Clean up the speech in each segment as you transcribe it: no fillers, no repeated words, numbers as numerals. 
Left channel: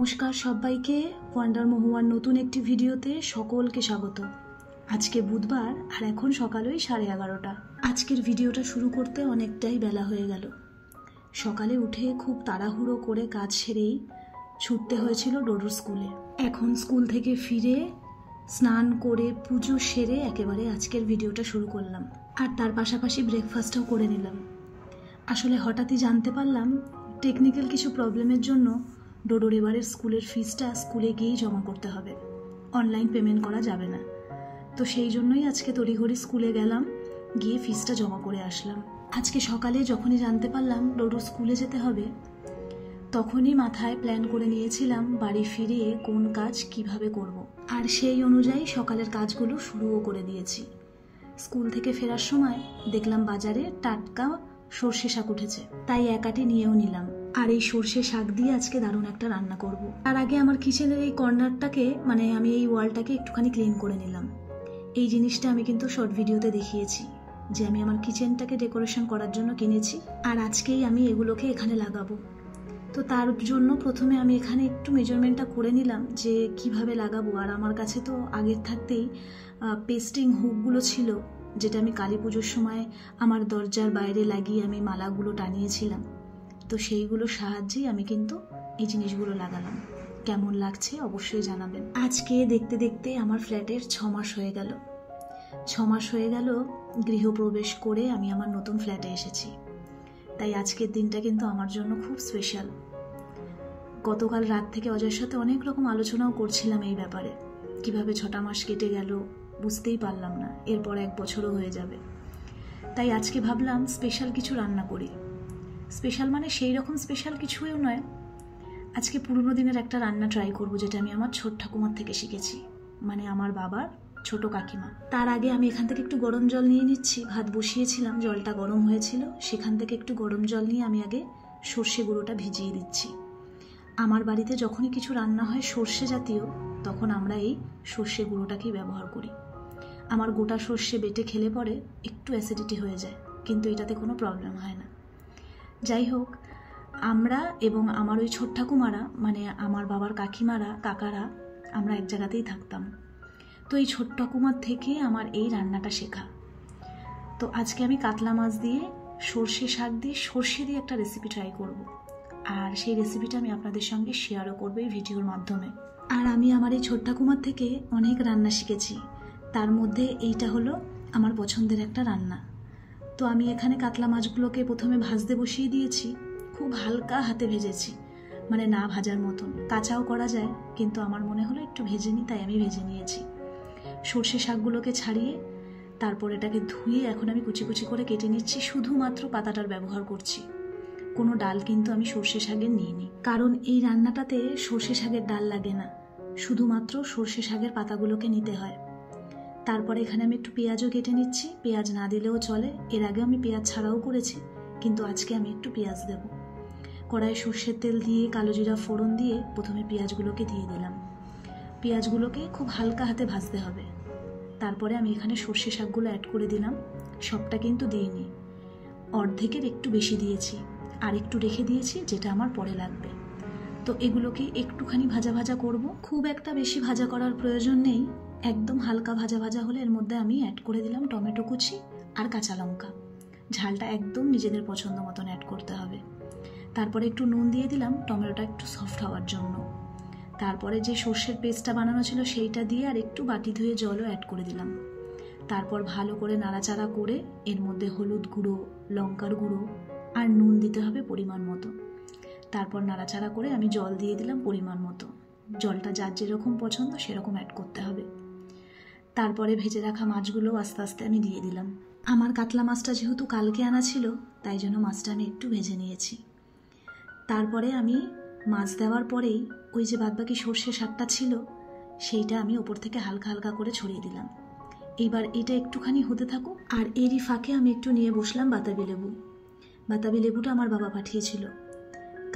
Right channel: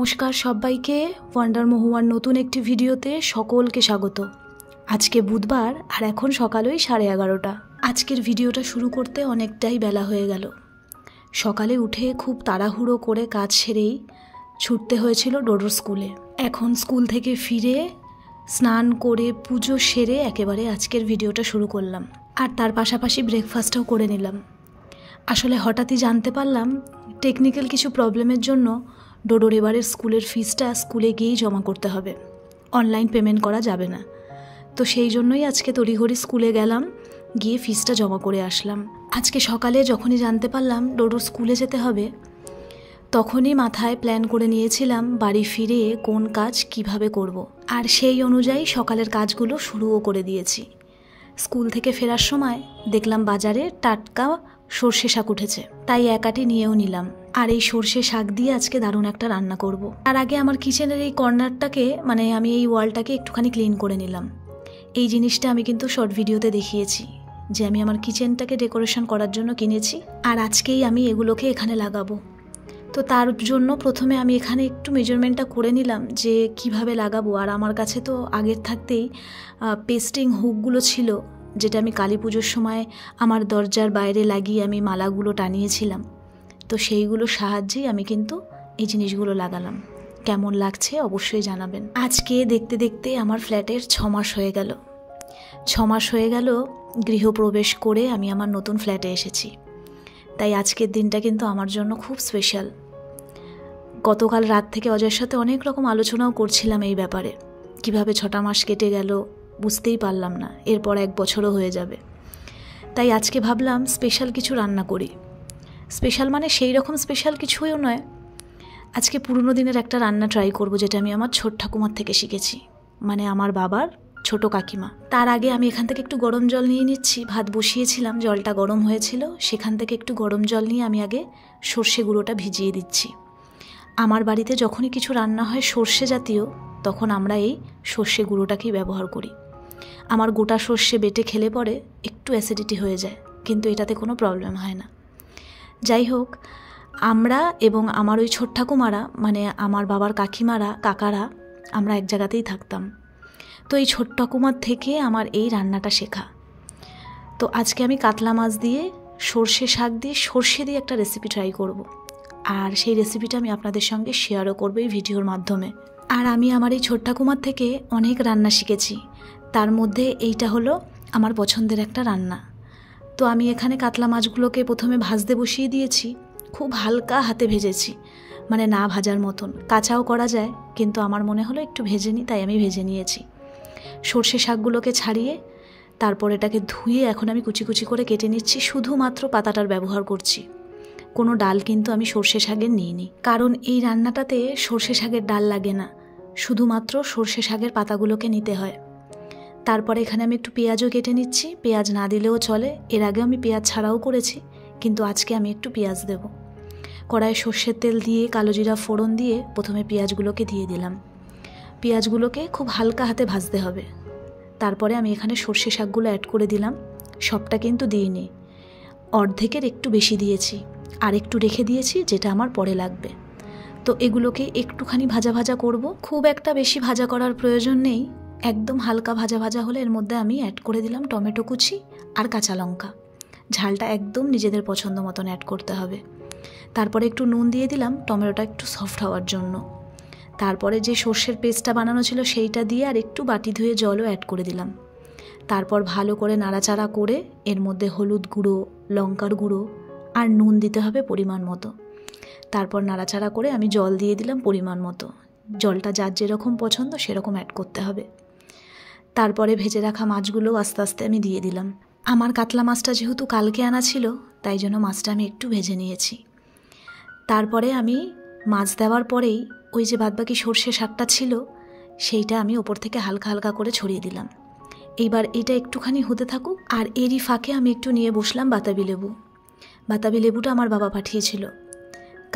নমস্কার সবাইকে, ওয়ান্ডার মহুয়ার নতুন একটি ভিডিওতে সকলকে স্বাগত। আজকে বুধবার আর এখন সকাল ওই 11:30। আজকের ভিডিওটা শুরু করতে অনেকটাই বেলা হয়ে গেল। সকালে উঠে খুব তাড়াহুড়ো করে কাজ সেরেই ছুটতে হয়েছিল ডোডোর স্কুলে। এখন স্কুল থেকে ফিরে স্নান করে পুজো সেরে একেবারে আজকের ভিডিওটা শুরু করলাম, আর তার পাশাপাশি ব্রেকফাস্টও করে নিলাম। আসলে হঠাৎই জানতে পারলাম টেকনিক্যাল কিছু প্রবলেমের জন্য ডোডোর এবারের স্কুলের ফিসটা স্কুলে গিয়েই জমা করতে হবে, অনলাইন পেমেন্ট করা যাবে না। তো সেই জন্যই আজকে তড়িঘড়ি স্কুলে গেলাম, গিয়ে ফিসটা জমা করে আসলাম। আজকে সকালে যখনই জানতে পারলাম ডোডোর স্কুলে যেতে হবে, তখনই মাথায় প্ল্যান করে নিয়েছিলাম বাড়ি ফিরে কোন কাজ কিভাবে করব। আর সেই অনুযায়ী সকালের কাজগুলো শুরুও করে দিয়েছি। স্কুল থেকে ফেরার সময় দেখলাম বাজারে টাটকা সর্ষে শাক উঠেছে, তাই এক আটি নিয়েও নিলাম। আর এই সর্ষে শাক দিয়ে আজকে দারুণ একটা রান্না করব। আর আগে আমার কিচেনের এই কর্নারটাকে, আমি এই ওয়ালটাকে একটুখানি ক্লিন করে নিলাম। এই জিনিসটা আমি কিন্তু শর্ট ভিডিওতে দেখিয়েছি যে আমি আমার কিচেনটাকে ডেকোরেশন করার জন্য কিনেছি, আর আজকেই আমি এগুলোকে এখানে লাগাবো। তো তার জন্য প্রথমে আমি এখানে একটু মেজারমেন্টটা করে নিলাম যে কিভাবে লাগাবো। আর আমার কাছে তো আগের থাকতেই পেস্টিং হুকগুলো ছিল, যেটা আমি কালী পুজোর সময় আমার দরজার বাইরে লাগিয়ে আমি মালাগুলো টানিয়েছিলাম। তো সেইগুলোর সাহায্যেই আমি কিন্তু এই জিনিসগুলো লাগালাম। কেমন লাগছে অবশ্যই জানাবেন। আজকে দেখতে দেখতে আমার ফ্ল্যাটের 6 মাস হয়ে গেল। 6 মাস হয়ে গেল গৃহপ্রবেশ করে আমি আমার নতুন ফ্ল্যাটে এসেছি। তাই আজকের দিনটা কিন্তু আমার জন্য খুব স্পেশাল। গতকাল রাত থেকে অজয়ের সাথে অনেক রকম আলোচনাও করছিলাম এই ব্যাপারে। কিভাবে 6টা মাস কেটে গেল বুঝতেই পারলাম না, এরপর 1 বছরও হয়ে যাবে। তাই আজকে ভাবলাম স্পেশাল কিছু রান্না করি। স্পেশাল মানে সেই রকম স্পেশাল কিছুও নয়, আজকে পুরনো দিনের একটা রান্না ট্রাই করব, যেটা আমি আমার ছোট ঠাকুমার থেকে শিখেছি, আমার বাবার ছোট কাকিমা। তার আগে আমি এখান থেকে একটু গরম জল নিয়ে নিচ্ছি। ভাত বসিয়েছিলাম, জলটা গরম হয়েছিল, সেখান থেকে একটু গরম জল নিয়ে আমি আগে সর্ষে গুঁড়োটা ভিজিয়ে দিচ্ছি। আমার বাড়িতে যখনই কিছু রান্না হয় সর্ষে জাতীয়, তখন আমরা এই সর্ষে গুঁড়োটাকেই ব্যবহার করি। আমার গোটা সর্ষে বেটে খেলে পরে একটু অ্যাসিডিটি হয়ে যায়, কিন্তু এটাতে কোনো প্রবলেম হয় না। যাই হোক, আমরা এবং আমার ওই ছোট ঠাকুমারা, আমার বাবার কাকিমারা, কাকারা, আমরা এক জায়গাতেই থাকতাম। তো এই ছোট ঠাকুমার থেকে আমার এই রান্নাটা শেখা। তো আজকে আমি কাতলা মাছ দিয়ে সর্ষে শাক দিয়ে সর্ষে দিয়ে একটা রেসিপি ট্রাই করব। আর সেই রেসিপিটা আমি আপনাদের সঙ্গে শেয়ারও করবো এই ভিডিওর মাধ্যমে। আর আমি আমার এই ছোট ঠাকুমার থেকে অনেক রান্না শিখেছি, তার মধ্যে এইটা হলো আমার পছন্দের একটা রান্না। তো আমি এখানে কাতলা মাছগুলোকে প্রথমে ভাজতে বসিয়ে দিয়েছি। খুব হালকা হাতে ভেজেছি, না ভাজার মতন। কাঁচাও করা যায়, কিন্তু আমার মনে হলো একটু ভেজে নিই, তাই আমি ভেজে নিয়েছি। সর্ষে শাকগুলোকে ছাড়িয়ে তারপর এটাকে ধুয়ে এখন আমি কুচি কুচি করে কেটে নিচ্ছি। শুধুমাত্র পাতাটার ব্যবহার করছি, কোনো ডাল কিন্তু আমি সর্ষে শাকের নিইনি, কারণ এই রান্নাটাতে সর্ষে শাকের ডাল লাগে না, শুধুমাত্র সর্ষে শাকের পাতাগুলোকে নিতে হয়। তারপরে এখানে আমি একটু পেঁয়াজও কেটে নিচ্ছি। পেঁয়াজ না দিলেও চলে, এর আগেও আমি পেঁয়াজ ছাড়াও করেছি, কিন্তু আজকে আমি একটু পেঁয়াজ দেব। কড়াইয়ে সর্ষের তেল দিয়ে কালো জিরা ফোড়ন দিয়ে প্রথমে পেঁয়াজগুলোকে দিয়ে দিলাম। পেঁয়াজগুলোকে খুব হালকা হাতে ভাজতে হবে। তারপরে আমি এখানে সর্ষে শাকগুলো অ্যাড করে দিলাম। সবটা কিন্তু দিইনি, অর্ধেকের একটু বেশি দিয়েছি, আর একটু রেখে দিয়েছি যেটা আমার পরে লাগবে। তো এগুলোকে একটুখানি ভাজা ভাজা করব, খুব একটা বেশি ভাজা করার প্রয়োজন নেই। একদম হালকা ভাজা ভাজা হলে এর মধ্যে আমি অ্যাড করে দিলাম টমেটো কুচি আর কাঁচা লঙ্কা। ঝালটা একদম নিজেদের পছন্দ মতন অ্যাড করতে হবে। তারপরে একটু নুন দিয়ে দিলাম টমেটোটা একটু সফট হওয়ার জন্য। তারপরে যে সর্ষের পেস্টটা বানানো ছিল সেইটা দিয়ে আর একটু বাটি ধুয়ে জলও অ্যাড করে দিলাম। তারপর ভালো করে নাড়াচাড়া করে এর মধ্যে হলুদ গুঁড়ো, লঙ্কার গুঁড়ো আর নুন দিতে হবে পরিমাণ মতো। তারপর নাড়াচাড়া করে আমি জল দিয়ে দিলাম পরিমাণ মতো। জলটা যার যেরকম পছন্দ সেরকম অ্যাড করতে হবে। তারপরে ভেজে রাখা মাছগুলো আস্তে আস্তে আমি দিয়ে দিলাম। আমার কাতলা মাছটা যেহেতু কালকে আনা ছিল, তাই জন্য মাছটা আমি একটু ভেজে নিয়েছি। তারপরে আমি মাছ দেওয়ার পরেই ওই যে বাদবাকি সর্ষে শাকটা ছিল, সেইটা আমি ওপর থেকে হালকা হালকা করে ছড়িয়ে দিলাম। এইবার এটা একটুখানি হতে থাকুক, আর এরই ফাঁকে আমি একটু নিয়ে বসলাম বাতাবি লেবু। বাতাবি লেবুটা আমার বাবা পাঠিয়েছিল,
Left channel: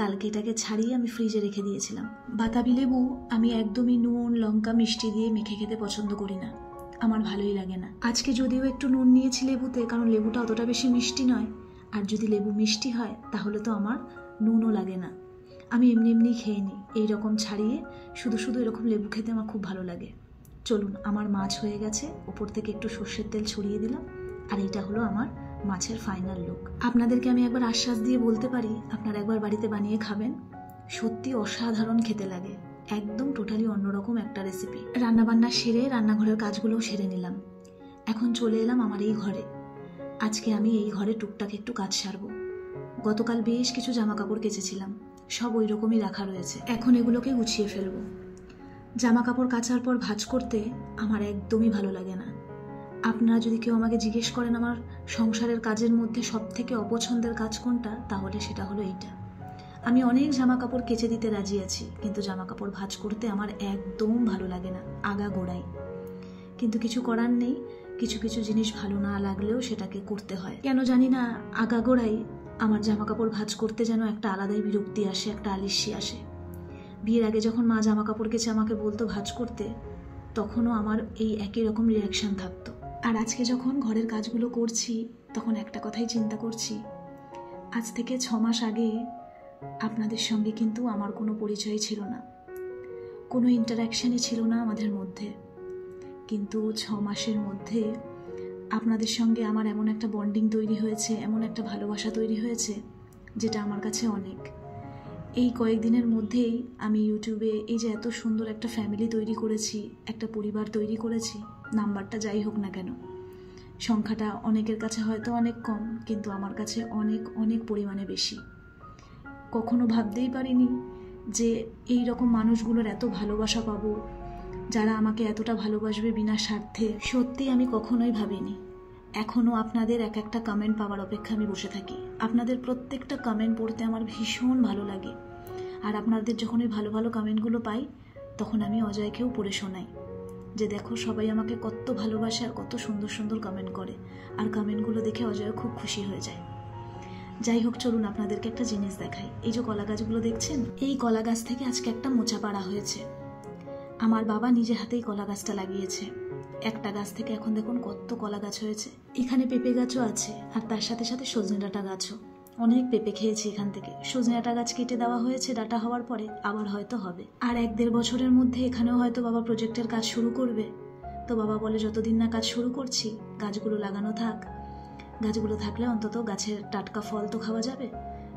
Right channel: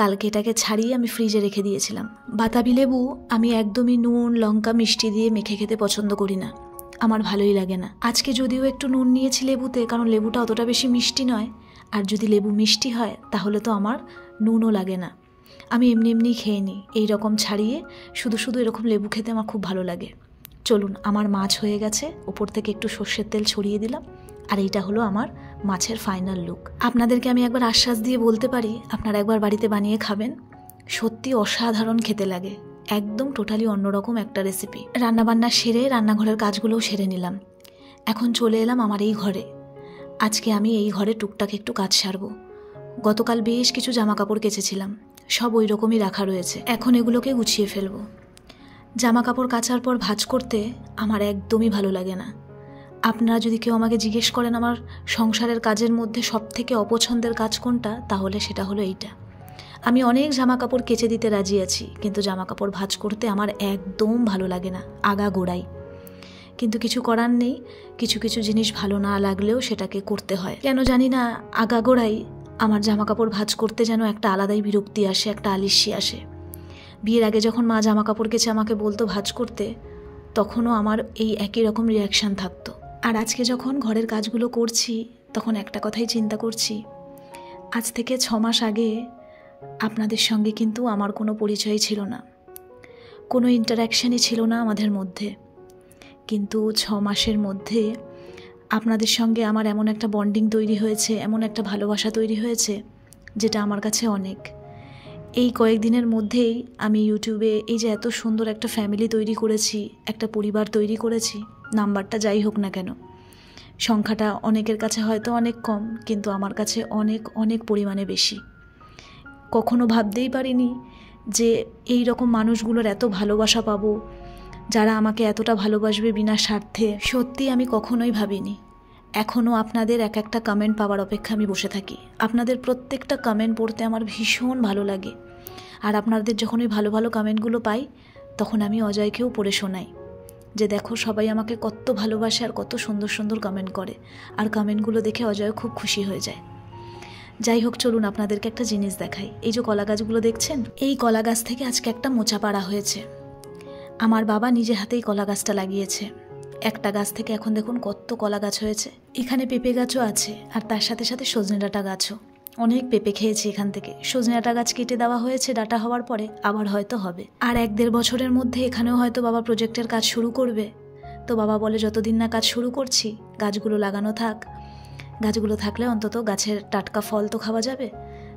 কালকে এটাকে ছাড়িয়ে আমি ফ্রিজে রেখে দিয়েছিলাম। বাতাবি লেবু আমি একদমই নুন লঙ্কা মিষ্টি দিয়ে মেখে খেতে পছন্দ করি না, আমার ভালোই লাগে না। আজকে যদিও একটু নুন নিয়েছি লেবুতে, কারণ লেবুটা অতটা বেশি মিষ্টি নয়, আর যদি লেবু মিষ্টি হয় তাহলে তো আমার নুনও লাগে না। আমি এমনি এমনি খেয়ে নিই, এইরকম ছাড়িয়ে শুধু শুধু এরকম লেবু খেতে আমার খুব ভালো লাগে। চলুন, আমার মাছ হয়ে গেছে, ওপর থেকে একটু সর্ষের তেল ছড়িয়ে দিলাম, আর এইটা হলো আমার মাছের ফাইনাল লুক। আপনাদেরকে আমি একবার আশ্বাস দিয়ে বলতে পারি, আপনারা একবার বাড়িতে বানিয়ে খাবেন, সত্যি অসাধারণ খেতে লাগে, একদম টোটালি অন্যরকম একটা রেসিপি। রান্নাবান্না সেরে রান্নাঘরের কাজগুলোও সেরে নিলাম। এখন চলে এলাম আমার এই ঘরে। আজকে আমি এই ঘরে টুকটাক একটু কাজ সারবো। গতকাল বেশ কিছু জামা কাপড় কেচেছিলাম, সব ওই রকমই রাখা রয়েছে, এখন এগুলোকে গুছিয়ে ফেলবো। জামা কাপড় কাচার পর ভাঁজ করতে আমার একদমই ভালো লাগে না। আপনারা যদি কেউ আমাকে জিজ্ঞেস করেন আমার সংসারের কাজের মধ্যে সবথেকে অপছন্দের কাজ কোনটা, তাহলে সেটা হলো এইটা। আমি অনেক জামা কাপড় কেচে দিতে রাজি আছি, কিন্তু জামা কাপড় ভাঁজ করতে আমার একদম ভালো লাগে না, আগাগোড়াই। কিন্তু কিছু করার নেই, কিছু কিছু জিনিস ভালো না লাগলেও সেটাকে করতে হয়। কেন জানি না, আগাগোড়াই আমার জামা কাপড় ভাঁজ করতে যেন একটা আলাদাই বিরক্তি আসে, একটা আলিস্যি আসে। বিয়ের আগে যখন মা জামা কাপড় কেচে আমাকে বলতো ভাঁজ করতে, তখনও আমার এই একই রকম রিয়াকশান থাকতো। আর আজকে যখন ঘরের কাজগুলো করছি, তখন একটা কথাই চিন্তা করছি, আজ থেকে 6 মাস আগে আপনাদের সঙ্গে কিন্তু আমার কোনো পরিচয় ছিল না, কোনো ইন্টারাকশানই ছিল না আমাদের মধ্যে। কিন্তু 6 মাসের মধ্যে আপনাদের সঙ্গে আমার এমন একটা বন্ডিং তৈরি হয়েছে, এমন একটা ভালোবাসা তৈরি হয়েছে, যেটা আমার কাছে অনেক। এই কয়েকদিনের মধ্যেই আমি ইউটিউবে এই যে এত সুন্দর একটা ফ্যামিলি তৈরি করেছি, একটা পরিবার তৈরি করেছি, নাম্বারটা যাই হোক না কেন, সংখ্যাটা অনেকের কাছে হয়তো অনেক কম, কিন্তু আমার কাছে অনেক অনেক পরিমাণে বেশি। কখনো ভাবতেই পারিনি যে এই রকম মানুষগুলোর এত ভালোবাসা পাবো, যারা আমাকে এতটা ভালোবাসবে বিনা স্বার্থে। সত্যি আমি কখনোই ভাবিনি। এখনও আপনাদের এক একটা কমেন্ট পাওয়ার অপেক্ষা আমি বসে থাকি। আপনাদের প্রত্যেকটা কমেন্ট পড়তে আমার ভীষণ ভালো লাগে। আর আপনাদের যখন ওই ভালো ভালো কমেন্টগুলো পাই, তখন আমি অজয়কেও পড়ে শোনাই যে দেখো সবাই আমাকে কত ভালোবাসে আর কত সুন্দর সুন্দর কমেন্ট করে, আর কমেন্টগুলো দেখে অজয় খুব খুশি হয়ে যায়। যাই হোক, চলুন আপনাদেরকে একটা জিনিস দেখাই। এই যে কলা গাছগুলো দেখছেন, এই কলা গাছ থেকে আজকে একটা মোচা পাড়া হয়েছে। আমার বাবা নিজে হাতেই কলা গাছটা লাগিয়েছে। একটা গাছ থেকে এখন দেখুন কত কলা গাছ হয়েছে। এখানে পেঁপে গাছও আছে, আর তার সাথে সাথে সজনে ডাঁটা গাছও। অনেক পেঁপে খেয়েছি এখান থেকে। সজনে ডাঁটা গাছ কেটে দেওয়া হয়েছে, ডাঁটা হওয়ার পরে আবার হয়তো হবে। আর 1-1.5 বছরের মধ্যে এখানেও হয়তো বাবা প্রজেক্টের কাজ শুরু করবে। তো বাবা বলে যতদিন না কাজ শুরু করছি, গাছগুলো লাগানো থাক, গাছগুলো থাকলে অন্তত গাছের টাটকা ফল তো খাওয়া যাবে।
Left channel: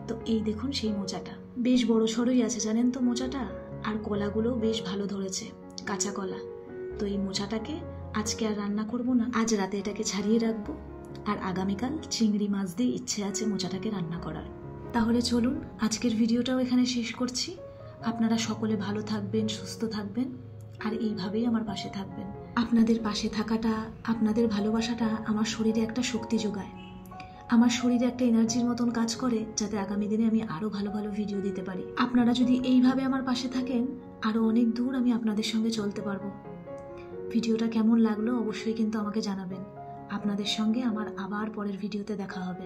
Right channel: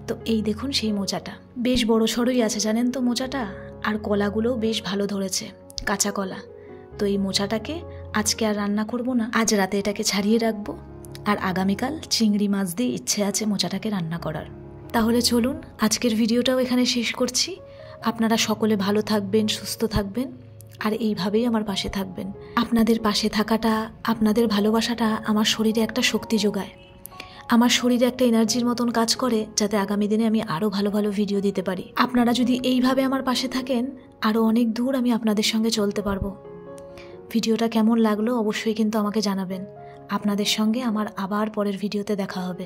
তো এই দেখুন সেই মোচাটা বেশ বড় সড়ই আছে, জানেন তো মোচাটা। আর কলাগুলোও বেশ ভালো ধরেছে, কাঁচা কলা। তো এই মোচাটাকে আজকে আর রান্না করব না, আজ রাতে এটাকে ছাড়িয়ে রাখবো, আর আগামীকাল চিংড়ি মাছ দিয়ে ইচ্ছে আছে মোচাটাকে রান্না করার। তাহলে চলুন আজকের ভিডিওটাও এখানে শেষ করছি। আপনারা সকলে ভালো থাকবেন, সুস্থ থাকবেন, আর এইভাবেই আমার পাশে থাকবেন। আপনাদের পাশে থাকাটা, আপনাদের ভালোবাসাটা আমার শরীরে একটা শক্তি যোগায়, আমার শরীরে একটা এনার্জির মতন কাজ করে, যাতে আগামী দিনে আমি আরও ভালো ভালো ভিডিও দিতে পারি। আপনারা যদি এইভাবে আমার পাশে থাকেন, আরও অনেক দূর আমি আপনাদের সঙ্গে চলতে পারবো। ভিডিওটা কেমন লাগলো অবশ্যই কিন্তু আমাকে জানাবেন। আপনাদের সঙ্গে আমার আবার পরের ভিডিওতে দেখা হবে।